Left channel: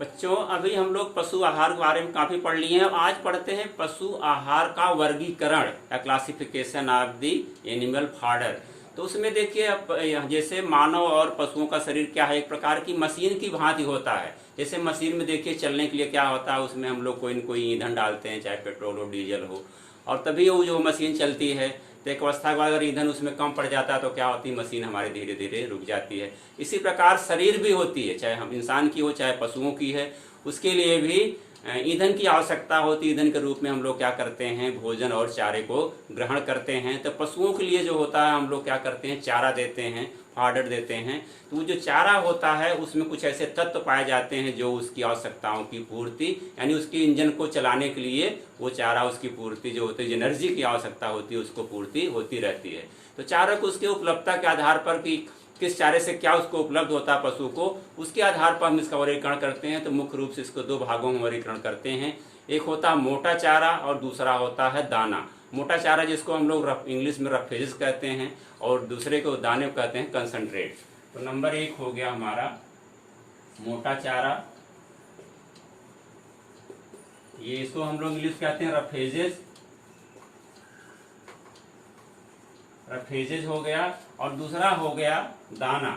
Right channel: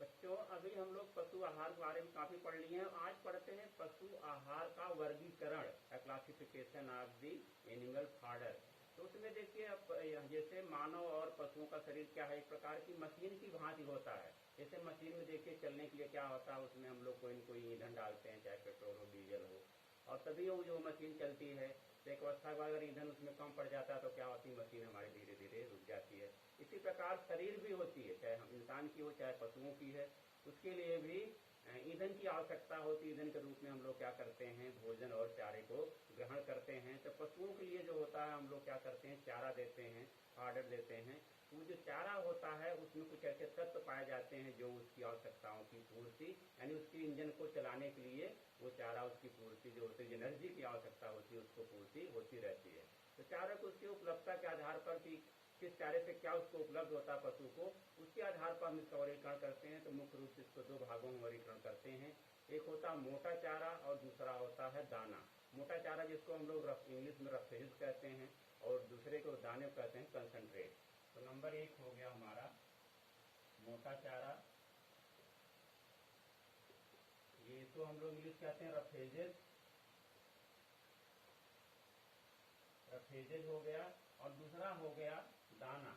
बच्चों, अभी हम लोग पशु आहार के बारे में काफ़ी पढ़ लिए हैं। आज पढ़ते हैं पशु आहार का वर्गीकरण या classification of the animal fodder. तो उसमें देखिए, अब जैसे मानव और पशुओं का शरीर क्या है, एक प्रकार की मशीन की भांति होता है। जैसे मशीन में देखिए चलने के लिए क्या होता है, उसमें हम लोग कोई न कोई ईंधन डालते हैं, चाहे पेट्रोल हो डीजल हो, और तभी वो जो मशीन चलती है। तो एक अवस्था के बाद अगर ईंधन उसमें कम पड़ जाता है तो क्या होती है, मशीन हमारी धीरे धीरे रुक जाती है। इसी प्रकार शरीर भी होती है, चाहे हम इंसान की हो चाहे पशुओं की है, उसके लिए भी ईंधन की आवश्यकता होती है। ईंधन के रूप में हम लोग क्या करते हैं, भोजन और चारे को ग्रहण करते हैं। तो पशुओं के लिए जो होता है, हम लोग क्या करते हैं, चारा देते हैं, फॉडर देते हैं। तो वो जो चारा होता है उसमें कुछ ऐसे तत्व पाए जाते हैं जो उसकी आवश्यकताओं की पूर्ति, यानी उसके इंजन को चलाने के लिए वो चारा, उसकी पूर्ति जो होती है, एनर्जी की आवश्यकता होती है, उसको पूर्ति होती रहती है। तो चारा को उसके उपलब्धता के आधार पर कि किस चारे से क्या उसको उपलब्ध होता है पशु को, उसके आधार पर हम इसका वर्गीकरण करते हैं। तो मुख्य रूप से इसको दो भागों में वर्गीकरण करते हैं। एक होता है मोटा चारा और दूसरा होता है दाना। मोटा चारा जिसको हम लोग इंग्लिश में रफेज कहते हैं, और दूसरे को दाने को कहते हैं कंसंट्रेट। तो नंबर 1 हो गया हमारा मोटा चारा, ये इसको हम लोग इंग्लिश कहते हैं रफेजेस, रफेजेज हो गया। और दूसरा हो गया दाना,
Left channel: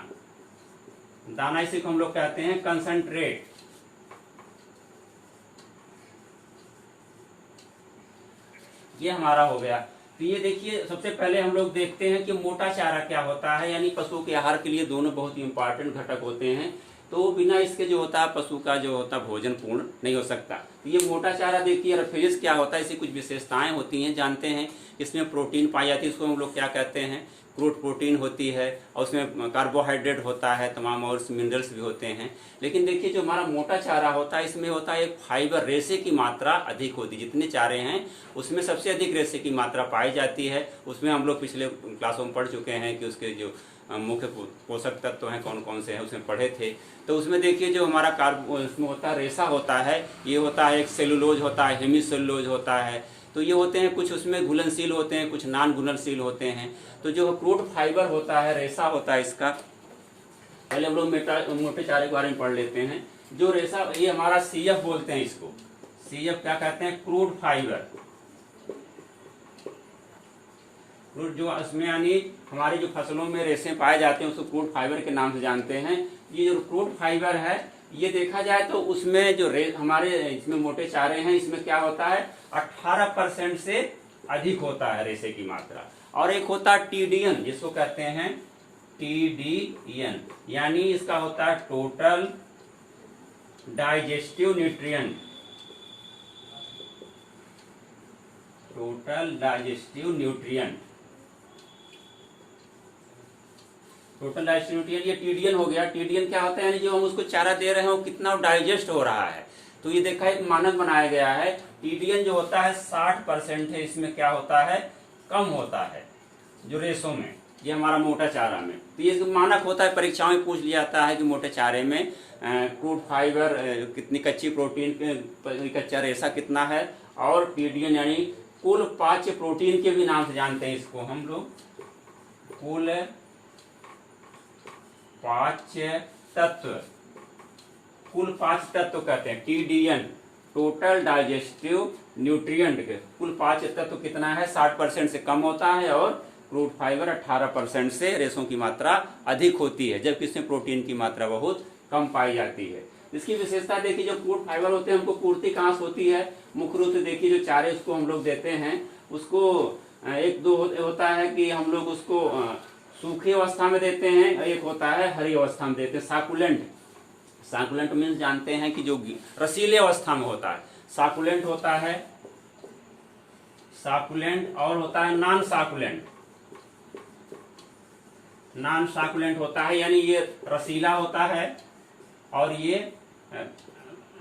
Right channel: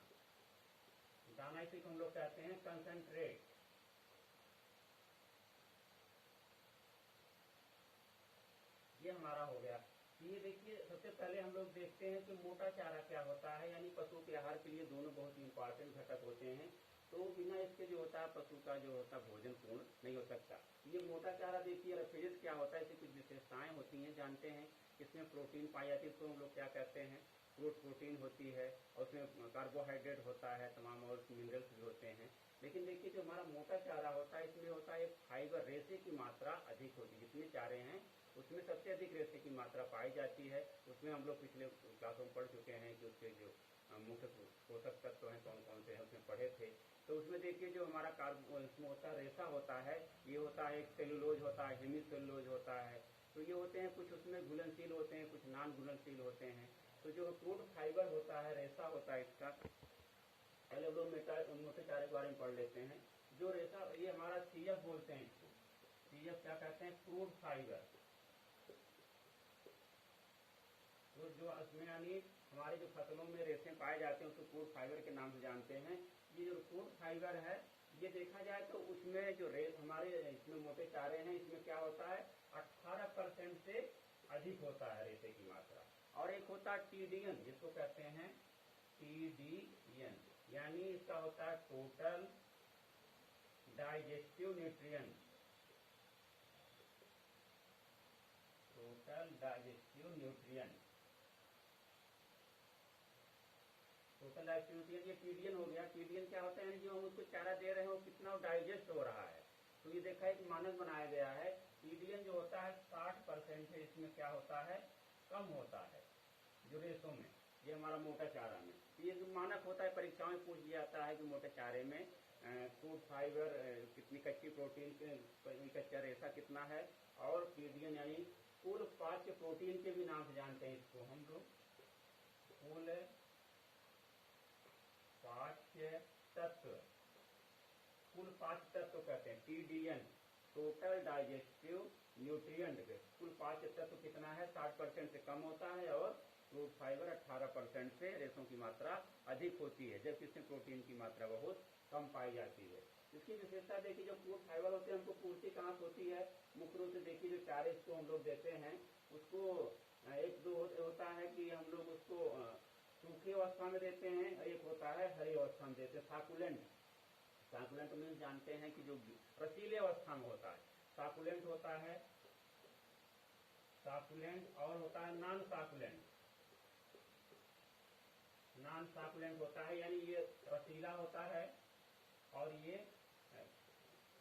दाना इसी को हम लोग कहते हैं कंसंट्रेट। ये हमारा हो गया। तो ये देखिए, सबसे पहले हम लोग देखते हैं कि मोटा चारा क्या होता है। यानी पशु के आहार के लिए दोनों बहुत ही इंपॉर्टेंट घटक होते हैं। तो बिना इसके जो होता है पशु का जो होता है भोजन पूर्ण नहीं हो सकता। तो ये मोटा चारा देखिए, रफेज क्या होता है, इसकी कुछ विशेषताएं होती हैं, जानते हैं। इसमें प्रोटीन पाई जाती है, इसको हम लोग क्या कहते हैं, क्रूड प्रोटीन होती है, और उसमें कार्बोहाइड्रेट होता है, तमाम और मिनरल्स भी होते हैं। लेकिन देखिए, जो हमारा मोटा चारा होता है, इसमें होता है एक फाइबर, रेशे की मात्रा अधिक होती है। जितने चारे हैं उसमें सबसे अधिक रेशे की मात्रा पाई जाती है। उसमें हम लोग पिछले क्लासों में पढ़ चुके हैं कि उसके जो मुख्य पोषक तत्व हैं कौन कौन से हैं, उसमें पढ़े थे। तो उसमें देखिए, जो हमारा उसमें होता है रेशा होता है, ये होता है एक सेलुलोज होता है, हेमीसेलुलोज होता है। तो ये होते हैं, कुछ उसमें घुलनशील होते हैं, कुछ नान घुलनशील होते हैं। तो जो क्रूड फाइबर होता है, रेशा होता है इसका, पहले हम लोग मोटे चारे के बारे में पढ़ लेते हैं। जो रेशा, ये हमारा सीएफ बोलते हैं इसको, सीएफ क्या कहते हैं, क्रूड फाइबर। क्रूड जो इसमें यानी हमारी जो फसलों में रेशे पाए जाते हैं उसको क्रूड फाइबर के नाम से जानते हैं। ये जो क्रूड फाइबर है, ये देखा जाए तो उसमें जो हमारे इसमें मोटे चारे हैं, इसमें क्या होता है, 18% से अधिक होता है रेशे की मात्रा। और एक होता है टीडीएन, जिसको कहते हैं टीडीएन, यानी इसका होता है total digestive nutrient, total digestive nutrient, total digestive nutrient, ये टीडीएन हो गया। टीडीएन क्या होता है, यानी जो हम उसको चारा दे रहे हैं वो कितना डाइजेस्ट हो रहा है। तो ये देखा, एक मानक बनाया गया है। टीडीएन जो होता है 60% है, इसमें क्या होता है, कम होता है जो रेशों में, ये हमारा मोटा चारा में। तो ये मानक होता है, परीक्षाओं में पूछ लिया जाता है कि मोटे चारे में क्रूड फाइबर कितनी, कच्ची प्रोटीन, कच्चा रेशा कितना है, और टीडीएन यानी कुल पाच्य प्रोटीन के भी नाम से जानते हैं इसको हम लोग, कुल पाच्य तत्व, कुल पाच्य तत्व कहते हैं टीडीएन, टोटल डाइजेस्टिव न्यूट्रिएंट के कुल पाच्य तत्व कितना है, 60% से कम होता है, और क्रूड फाइबर 18% से रेशों की मात्रा अधिक होती है, जबकि इसमें प्रोटीन की मात्रा बहुत कम पाई जाती है। इसकी विशेषता देखिए, जो क्रूड फाइबर होते हैं हमको पूर्ति कहाँ से होती है, मुख्य रूप से देखिए जो चारे उसको हम लोग देते हैं, उसको एक दो होता है कि हम लोग उसको सूखी अवस्था में देते हैं, एक होता है हरी अवस्था में देते हैं, साकुलेंट। साकुलेंट मीन्स जानते हैं कि जो रसीले अवस्था में होता है, साकुलेंट होता है, साकुलेंट, और होता है नॉन साकुलेंट, नॉन साकुलेंट होता है, यानी ये रसीला होता है, और ये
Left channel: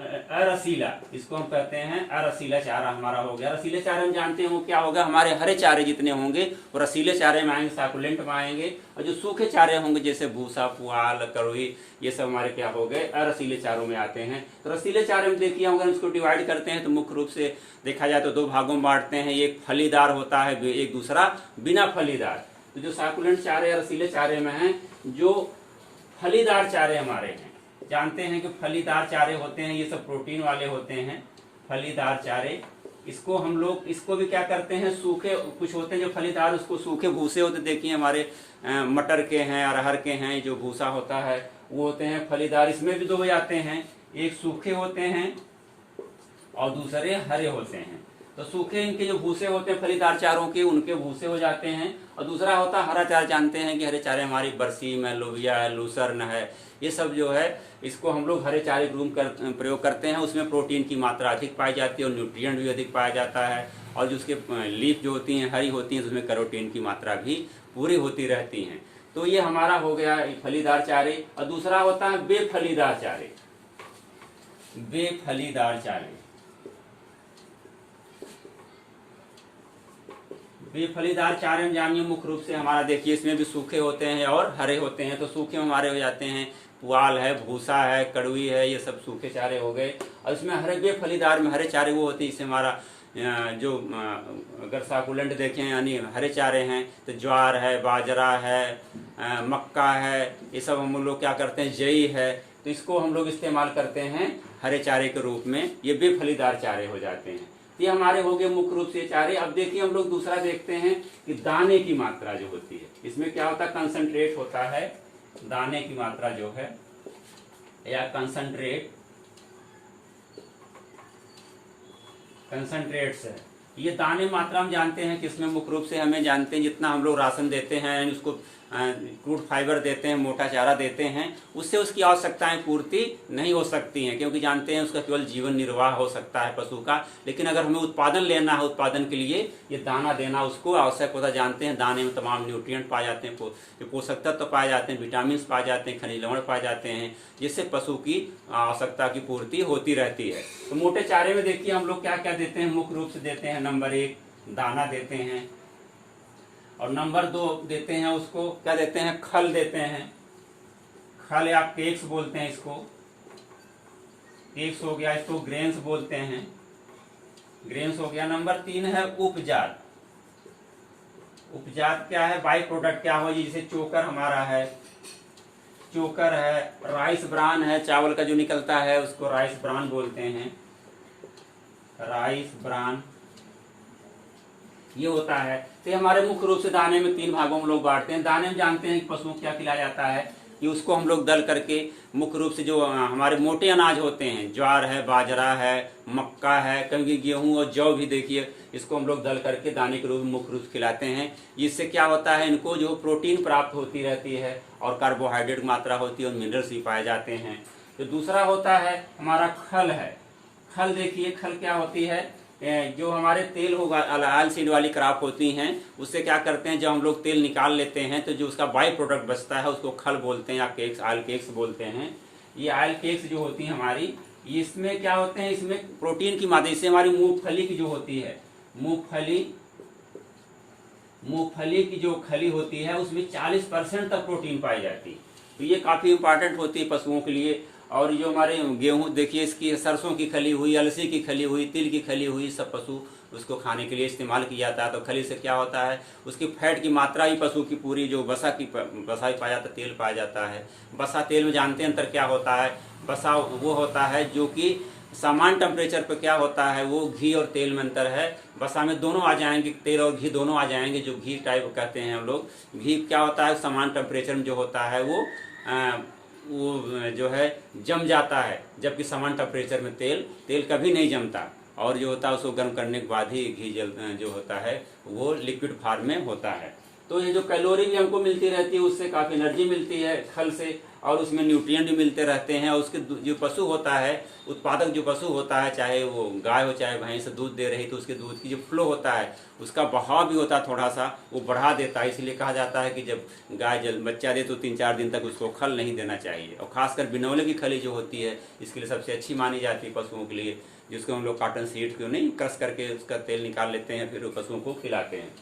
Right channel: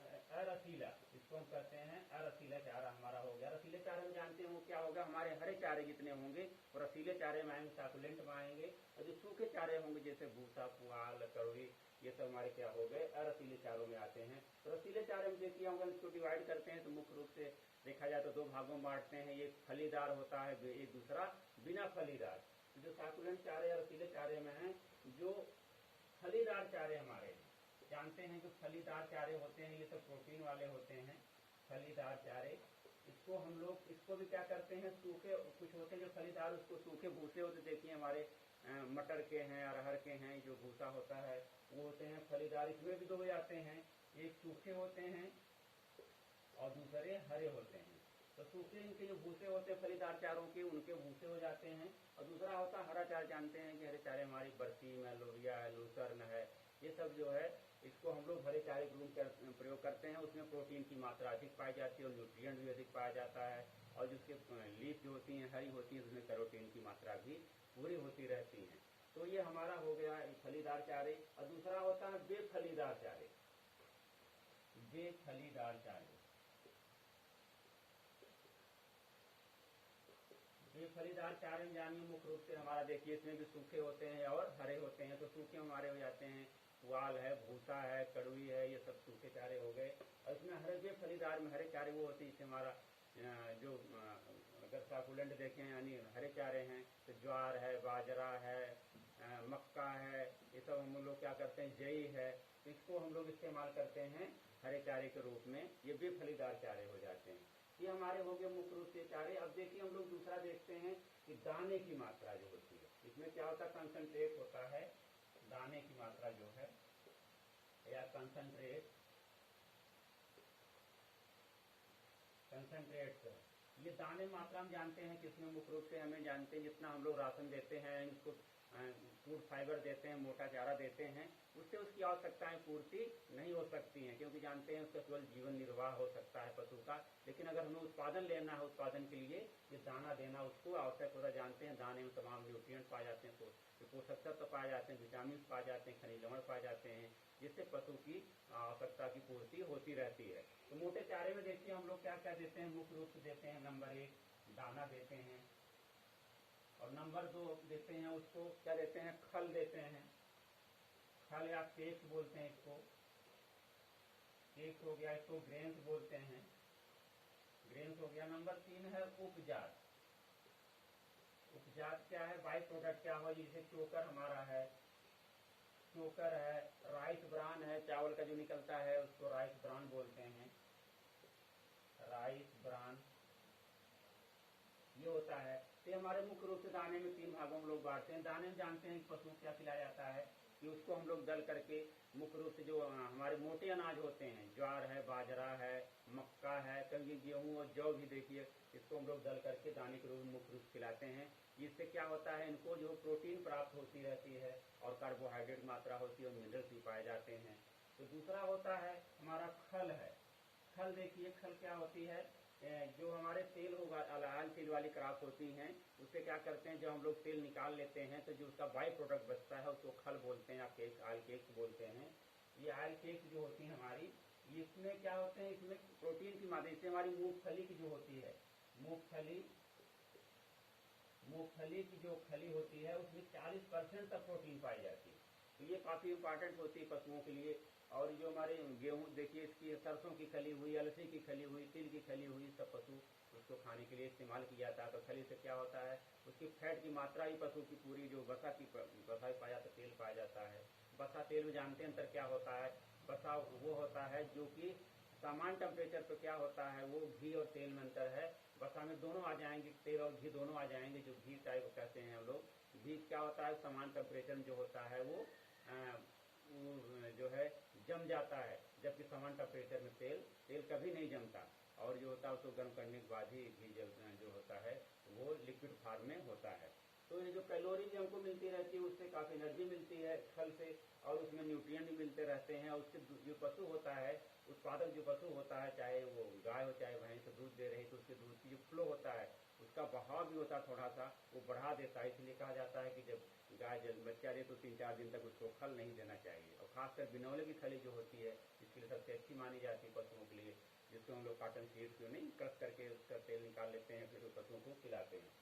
अरसीला, इसको हम कहते हैं अरसीला चारा हमारा हो गया। रसीले चारे हम जानते हैं वो क्या होगा, हमारे हरे चारे जितने होंगे वो रसीले चारे में आएंगे, साकुलेंट में आएंगे। और जो सूखे चारे होंगे जैसे भूसा, पुआल, करोई, ये सब हमारे क्या हो गए, अरसीले चारों में आते हैं। तो रसीले चारे में देखिए, अगर इसको डिवाइड करते हैं तो मुख्य रूप से देखा जाए तो दो भागों में बांटते हैं, एक फलीदार होता है, एक दूसरा बिना फलीदार। तो जो साकुलेंट चारे या रसीले चारे में हैं, जो फलीदार चारे हमारे हैं, जानते हैं कि फलीदार चारे होते हैं, ये सब प्रोटीन वाले होते हैं फलीदार चारे। इसको हम लोग इसको भी क्या करते हैं, सूखे कुछ होते हैं जो फलीदार, उसको सूखे भूसे होते, देखिए हमारे मटर के हैं, अरहर के हैं, जो भूसा होता है वो होते हैं फलीदार। इसमें भी दो जाते हैं, एक सूखे होते हैं और दूसरे हरे होते हैं। तो सूखे इनके जो भूसे होते हैं फलीदार चारों के, उनके भूसे हो जाते हैं। और दूसरा होता है हरा चारा। जानते हैं कि हरे चारे हमारी बरसीम है, लोबिया है, लूसर्न है, ये सब जो है इसको हम लोग हरे चारे के रूप में प्रयोग करते हैं। उसमें प्रोटीन की मात्रा अधिक पाई जाती है और न्यूट्रिएंट भी अधिक पाया जाता है। और जो उसके लीफ जो होती हैं हरी होती हैं, उसमें कैरोटीन की मात्रा भी पूरी होती रहती हैं। तो ये हमारा हो गया फलीदार चारे। और दूसरा होता है बेफलीदार चारे। बेफलीदार चारे, बेफलीदार चारे में जानिए मुख्य रूप से हमारा देखिए इसमें भी सूखे होते हैं और हरे होते हैं। तो सूखे हमारे हो जाते हैं पुआल है, भूसा है, कड़वी है, ये सब सूखे चारे हो गए। और इसमें हरे बेफलीदार में हरे चारे वो होते हैं, इससे हमारा जो अगर साकुलेंट देखें यानी हरे चारे हैं तो ज्वार है, बाजरा है, मक्का है, ये सब हम लोग क्या करते हैं, जई है, तो इसको हम लोग इस्तेमाल करते हैं हरे चारे के रूप में। ये बेफलीदार चारे हो जाते हैं। ये हमारे हो गए मुख्य रूप से चारे। अब देखिए हम लोग दूसरा देखते हैं कि दाने की मात्रा जो होती है, इसमें क्या होता है, कंसंट्रेट होता है। दाने की मात्रा जो है या कंसंट्रेट्स है, ये दाने मात्रा हम जानते हैं कि इसमें मुख्य रूप से हमें जानते हैं जितना हम लोग राशन देते हैं, उसको क्रूड फाइबर देते हैं, मोटा चारा देते हैं, उससे उसकी आवश्यकताएं पूर्ति नहीं हो सकती हैं, क्योंकि जानते हैं उसका केवल जीवन निर्वाह हो सकता है पशु का। लेकिन अगर हमें उत्पादन लेना है, उत्पादन के लिए ये दाना देना उसको आवश्यक होता है। जानते हैं दाने में तमाम न्यूट्रिएंट पाए जाते हैं, पोषक तत्व पाए जाते हैं, विटामिन पाए जाते हैं, खनिज लवण पाए जाते हैं, जिससे पशु की आवश्यकता की पूर्ति होती रहती है। तो मोटे चारे में देखिए हम लोग क्या क्या देते हैं, मुख्य रूप से देते हैं नंबर 1 दाना देते हैं, और नंबर 2 देते हैं उसको क्या देते हैं, खल देते हैं। खल या केक्स बोलते हैं इसको, केक्स हो गया, इसको ग्रेन्स बोलते हैं, ग्रेन्स हो गया। नंबर 3 है उपजात। उपजात क्या है, बाई प्रोडक्ट क्या हो, जैसे चोकर हमारा है, चोकर है, राइस ब्रान है, चावल का जो निकलता है उसको राइस ब्रान बोलते हैं, राइस ब्रान ये होता है। तो हमारे मुख्य रूप से दाने में 3 भागों में लोग बांटते हैं। दाने में जानते हैं कि पशुओं को क्या खिलाया जाता है, कि उसको हम लोग दल करके मुख्य रूप से जो हमारे मोटे अनाज होते हैं, ज्वार है, बाजरा है, मक्का है, कभी गेहूं और जौ भी देखिए, इसको हम लोग दल करके दाने के रूप में मुख्य रूप से खिलाते हैं। इससे क्या होता है, इनको जो प्रोटीन प्राप्त होती रहती है और कार्बोहाइड्रेट मात्रा होती है और मिनरल्स भी पाए जाते हैं। तो दूसरा होता है हमारा खल है। खल देखिए, खल क्या होती है, जो हमारे तेल होगा, ऑयल सीड वाली क्रॉप होती हैं, उससे क्या करते हैं, जब हम लोग तेल निकाल लेते हैं तो जो उसका बाई प्रोडक्ट बचता है उसको खल बोलते हैं या केक्स, ऑयल केक्स बोलते हैं। ये ऑयल केक्स जो होती हैं हमारी, इसमें क्या होते हैं, इसमें प्रोटीन की मात्रा, इससे हमारी मूंगफली की जो होती है, मूंगफली की जो खली होती है उसमें 40% तक प्रोटीन पाई जाती है। तो ये काफ़ी इंपॉर्टेंट होती है पशुओं के लिए। और जो हमारे गेहूं देखिए, इसकी सरसों की खली हुई, अलसी की खली हुई, तिल की खली हुई, सब पशु उसको खाने के लिए इस्तेमाल किया जाता है। तो खली से क्या होता है, उसकी फैट की मात्रा ही पशु की पूरी, जो बसा ही पाया जाता है, तेल पाया जाता है। बसा तेल में जानते हैं अंतर क्या होता है, बसा वो होता है जो कि समान टेम्परेचर पर क्या होता है, वो घी और तेल में अंतर है। बसा में दोनों आ जाएंगे, तेल और घी दोनों आ जाएंगे, जो घी टाइप कहते हैं हम लोग। घी क्या होता है, समान टेम्परेचर में जो होता है वो जो है जम जाता है, जबकि समान टेम्परेचर में तेल कभी नहीं जमता। और जो होता है उसको गर्म करने के बाद ही घी जो होता है वो लिक्विड फॉर्म में होता है। तो ये जो कैलोरी भी हमको मिलती रहती है, उससे काफ़ी एनर्जी मिलती है खल से, और उसमें न्यूट्रिएंट भी मिलते रहते हैं। और उसके जो पशु होता है, उत्पादक जो पशु होता है, चाहे वो गाय हो चाहे भैंस, दूध दे रही, तो उसके दूध की जो फ्लो होता है, उसका बहाव भी होता है थोड़ा सा, वो बढ़ा देता है। इसलिए कहा जाता है कि जब गाय बच्चा दे तो 3-4 दिन तक उसको खल नहीं देना चाहिए। और खासकर बिनौले की खली जो होती है, इसके लिए सबसे अच्छी मानी जाती है पशुओं के लिए, जिसको हम लोग कॉटन सीड क्यों नहीं क्रश करके उसका तेल निकाल लेते हैं, फिर पशुओं को खिलाते हैं।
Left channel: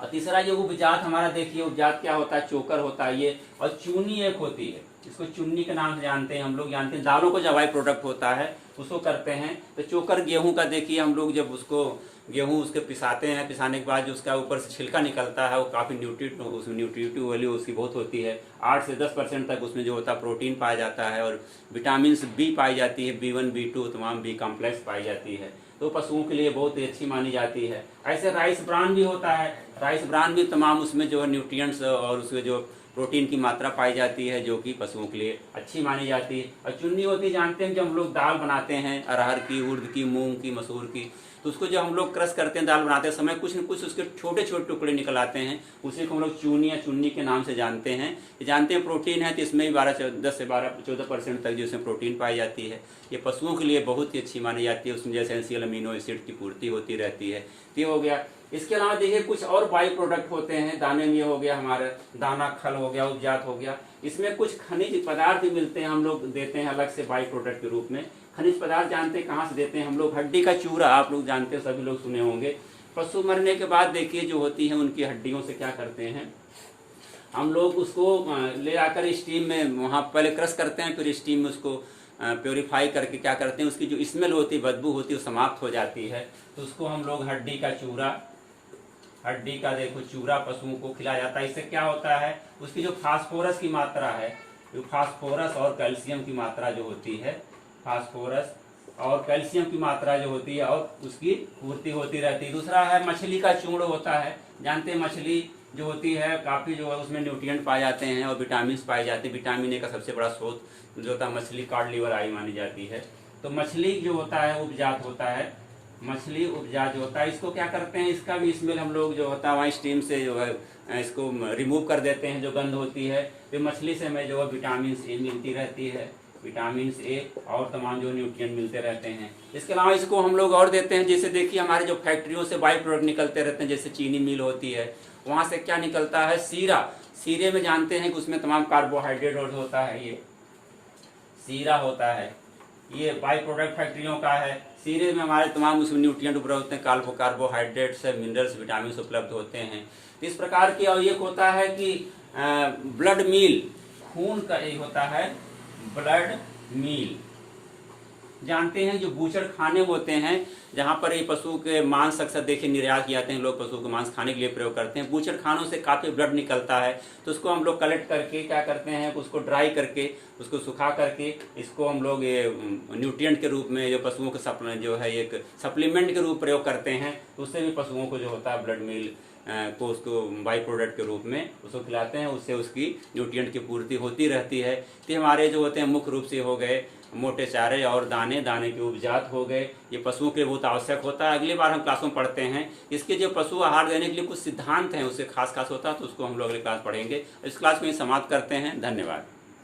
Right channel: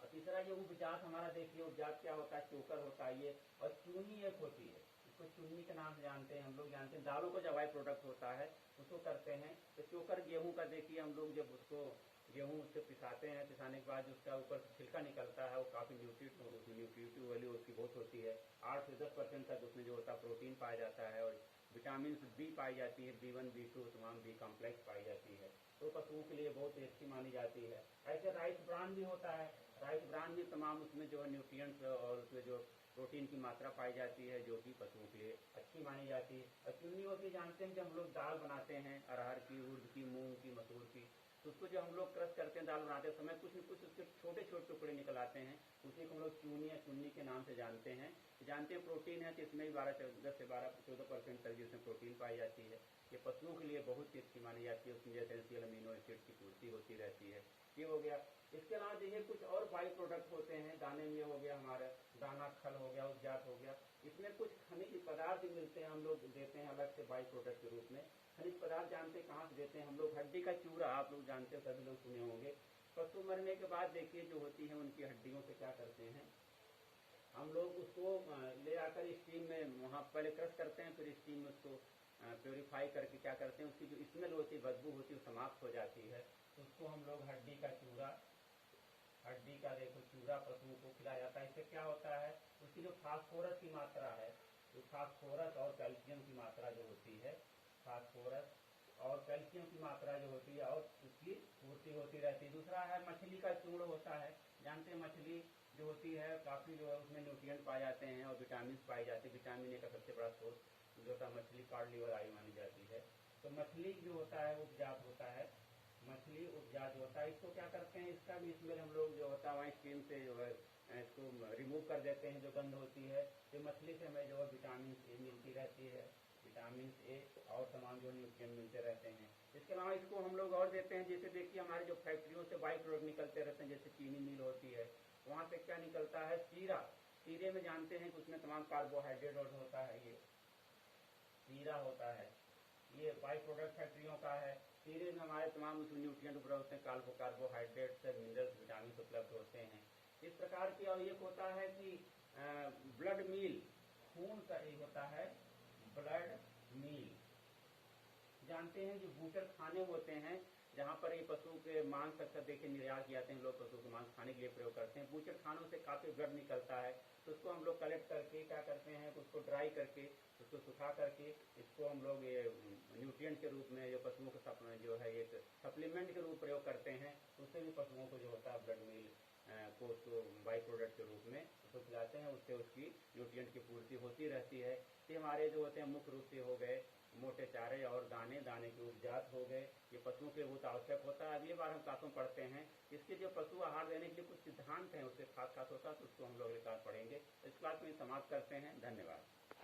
और तीसरा ये उपजात हमारा देखिए, उपजात क्या होता है, चोकर होता है ये, और चूनी एक होती है, इसको चुन्नी के नाम से जानते हैं, हम लोग जानते हैं दालों को जब बाई प्रोडक्ट होता है उसको करते हैं। तो चोकर गेहूं का देखिए, हम लोग जब उसको गेहूं उसके पिसाते हैं, पिसाने के बाद जो उसका ऊपर से छिलका निकलता है वो काफ़ी उसमें न्यूट्रिटिव वैल्यू उसकी बहुत होती है। 8 से 10% तक उसमें जो होता है प्रोटीन पाया जाता है और विटामिन बी पाई जाती है, B1 B2 तमाम बी कॉम्प्लेक्स पाई जाती है, तो पशुओं के लिए बहुत ही अच्छी मानी जाती है। ऐसे राइस ब्रान भी होता है, राइस ब्रान भी तमाम उसमें जो है न्यूट्रिएंट्स और उसमें जो प्रोटीन की मात्रा पाई जाती है जो कि पशुओं के लिए अच्छी मानी जाती है। और चुन्नी होती जानते हैं, जब हम लोग दाल बनाते हैं अरहर की, उड़द की, मूंग की, मसूर की, तो उसको जब हम लोग क्रश करते हैं दाल बनाते समय कुछ न कुछ उसके छोटे छोटे टुकड़े निकल आते हैं, उसी को हम लोग चूनी या चुन्नी के नाम से जानते हैं। जानते हैं प्रोटीन है तो इसमें भी 10 से 14% तक जो इसमें प्रोटीन पाई जाती है। ये पशुओं के लिए बहुत ही अच्छी मानी जाती है, उसमें जैसे एसेंशियल अमीनो एसिड की पूर्ति होती रहती है। ये हो गया। इसके अलावा देखिए कुछ और बाई प्रोडक्ट होते हैं, दाने में ये हो गया हमारा दाना खल हो गया, उपजात हो गया, इसमें कुछ खनिज पदार्थ भी मिलते हैं, हम लोग देते हैं अलग से बाई प्रोडक्ट के रूप में। खनिज पदार्थ जानते हैं कहाँ से देते हैं हम लोग? हड्डी का चूरा, आप लोग जानते हैं, सभी लोग सुने होंगे। पशु मरने के बाद देखिए जो होती है उनकी हड्डियों से क्या करते हैं हम लोग, उसको ले आकर स्टीम में वहाँ पहले क्रश करते हैं, फिर स्टीम में उसको प्योरीफाई करके क्या करते हैं, उसकी जो स्मेल होती है, बदबू होती है, वो समाप्त हो जाती है। तो उसको हम लोग हड्डी का चूरा, हड्डी का देखो चूरा पशुओं को खिलाया जाता है। इससे क्या होता है, उसकी जो फास्फोरस की मात्रा है, जो फास्फोरस और कैल्शियम की मात्रा जो होती है, फास्फोरस और कैल्शियम की मात्रा जो होती है और उसकी पूर्ति होती रहती है। दूसरा है मछली का चूर्ण होता है, जानते हैं मछली जो होती है काफ़ी जो है उसमें न्यूट्रिएंट पाए जाते हैं और विटामिन पाए जाते हैं। विटामिन ए का सबसे बड़ा स्रोत जो होता है मछली कार्ड लिवर आई मानी जाती है। तो मछली जो होता है उपजात होता है, मछली उपजात जो होता है, इसको क्या करते हैं, इसका भी स्मेल हम लोग जो होता है वहाँ स्टीम से जो है इसको रिमूव कर देते हैं, जो गंध होती है। तो मछली से हमें जो है विटामिन ए मिलती रहती है, विटामिन ए और तमाम जो न्यूट्रिएंट मिलते रहते हैं। इसके अलावा इसको हम लोग और देते हैं, जैसे देखिए हमारे जो फैक्ट्रियों से बाई प्रोडक्ट निकलते रहते हैं, जैसे चीनी मिल होती है, वहाँ से क्या निकलता है, सीरा। सीरे में जानते हैं कि उसमें तमाम कार्बोहाइड्रेट होता है, ये सीरा होता है, ये बाई प्रोडक्ट फैक्ट्रियों का है। सीरे में हमारे तमाम उसमें न्यूट्रिएंट उपलब्ध होते हैं, कार्बोहाइड्रेट्स, मिनरल्स, विटामिन उपलब्ध होते हैं। इस प्रकार की। और एक होता है कि ब्लड मील, खून का एक होता है ब्लड मील, जानते हैं जो बूचड़ खाने होते हैं जहाँ पर ये पशु के मांस अक्सर देखिए निर्यात किए जाते हैं, लोग पशु के मांस खाने के लिए प्रयोग करते हैं। बूचड़ खानों से काफ़ी ब्लड निकलता है, तो उसको हम लोग कलेक्ट करके क्या करते हैं, उसको ड्राई करके, उसको सुखा करके, इसको हम लोग ये न्यूट्रिएंट के रूप में जो पशुओं के सप्लीमेंट जो है एक सप्लीमेंट के रूप प्रयोग करते हैं। उससे भी पशुओं को जो होता है ब्लड मील को उसको बाई प्रोडक्ट के रूप में उसको खिलाते हैं, उससे उसकी न्यूट्रिएंट की पूर्ति होती रहती है। तो हमारे जो होते हैं मुख्य रूप से हो गए मोटे चारे और दाने, दाने के उपजात हो गए, ये पशुओं के लिए बहुत आवश्यक होता है। अगली बार हम क्लास में पढ़ते हैं इसके जो पशु आहार देने के लिए कुछ सिद्धांत हैं, उससे खास होता है, तो उसको हम लोग अगली क्लास पढ़ेंगे। इस क्लास में समाप्त करते हैं। धन्यवाद।